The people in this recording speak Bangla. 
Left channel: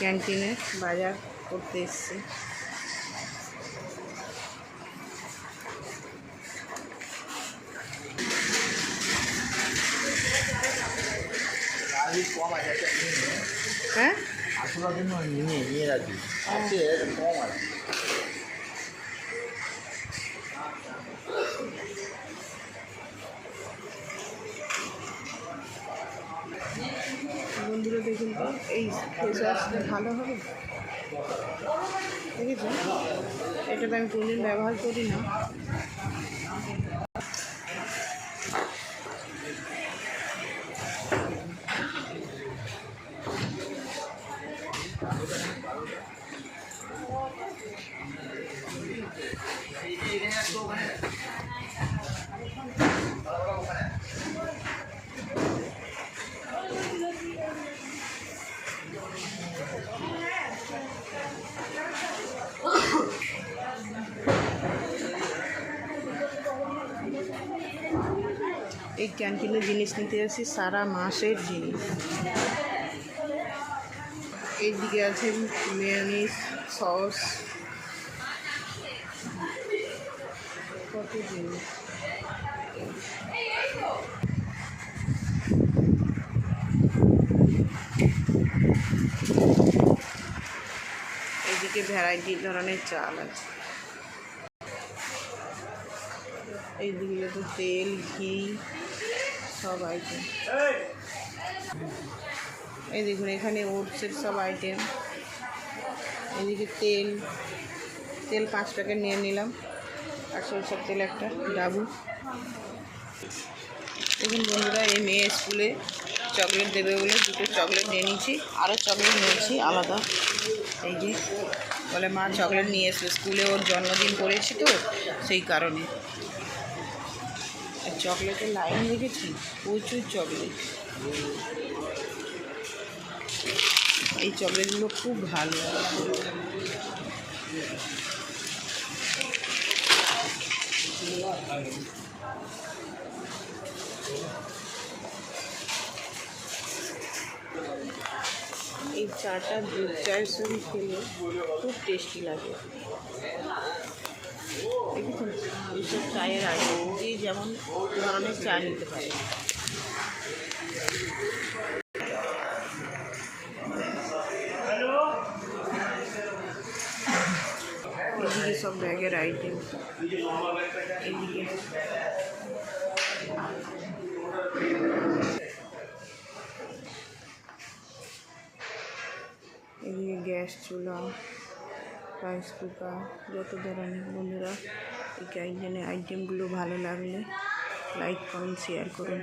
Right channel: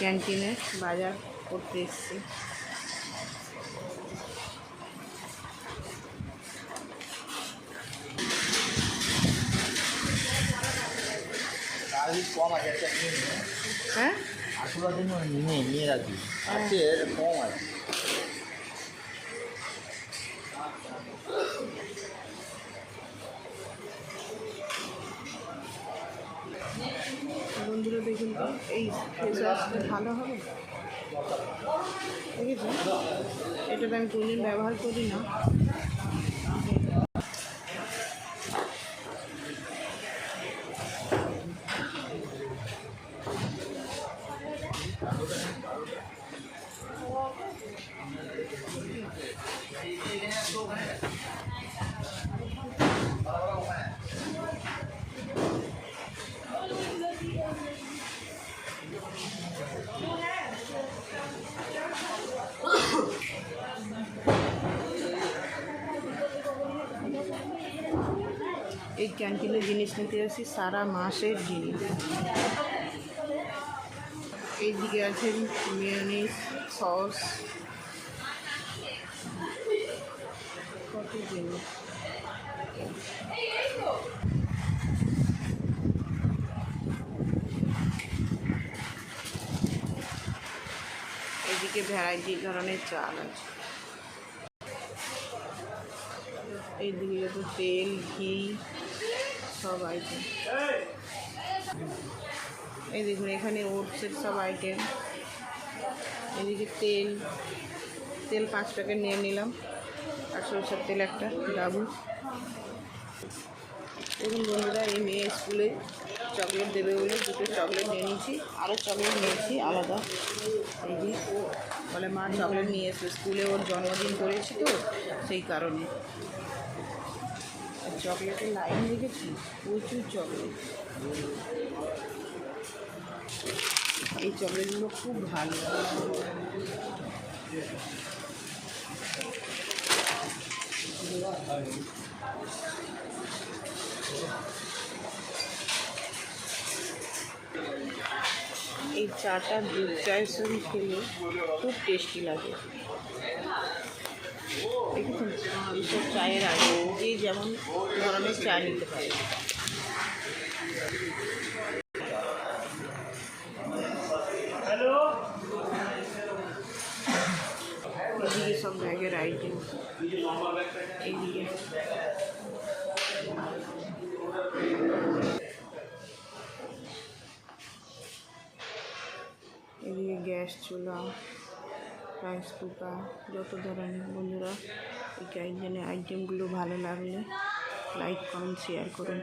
ক্যান্টিনে বাজার করতে এসেছি। হ্যাঁ বন্ধুরা দেখুন তো এই ফেস ওয়াশটা ভালো হবে, দেখেছেন? এটা তো আমি কোনদিন ব্যবহার করি না। এই ক্যান্টিনে জিনিস নিতে আসি, সারা মাসের জিনিস। এইদিকে আছে মেয়োনিজ, সস, কত জিনিস। এইদিকে ভ্যারাইটি ধরনের চাল আছে। এইদিকে তো তেল, ঘি, সব আইটেম। এই দেখুন এখানে ওটসের সব আইটেম। এদিকে তেল 5 প্যাকেট নিয়ে নিলাম, আর সরষের তেল একটা ডাবু। দেখুন বন্ধুরা, এই মেয়ে স্কুলে চকলেট দেবে বলে 2টো চকলেট নিয়ে নিয়েছি, আরও চকলেট নিয়েছি আলাদা। এই যে বলে মা চকলেট নিয়ে এসবে, স্কুলে ওর জন্মদিন করেছি তো সেই কারণে। আর চকলেটের লাইন দেখেছি, প্রচুর চকলেট। এই চকলেটগুলো খুব ভালো। এই চাটা দুধ চায়ের সঙ্গে খেলে খুব টেস্টি লাগে। দেখুন এইসব চায়ের আগে এই যেমন ধরনের চা নিতে পারে। এদিকে সব ব্যাগের আইটেম। এদিকে গ্যাস চুলা, রাইস কুকার, যত ধরনের। বন্ধুরা এই আইটেমগুলো ভালো লাগলে লাইক, কমেন্ট, শেয়ার করুন।